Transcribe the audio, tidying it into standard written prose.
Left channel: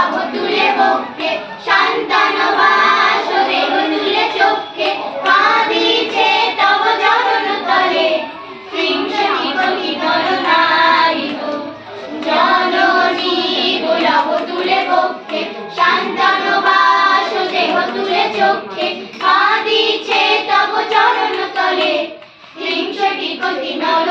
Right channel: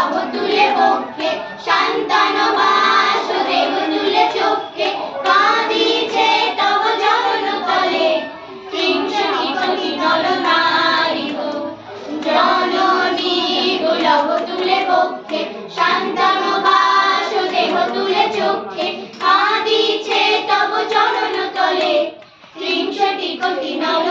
লব তুলে বক্ষে শান্তনো বাসুদেব তুলে চক্ষে কাঁদিছে তব চরণ তলে হিংসটি কোটি নর নারী গো জননী গো লব তুলে বক্ষে শান্তনো বাসুদেব তুলে চক্ষে কাঁদিছে তব চরণ তলে হিংসটি কোটি নর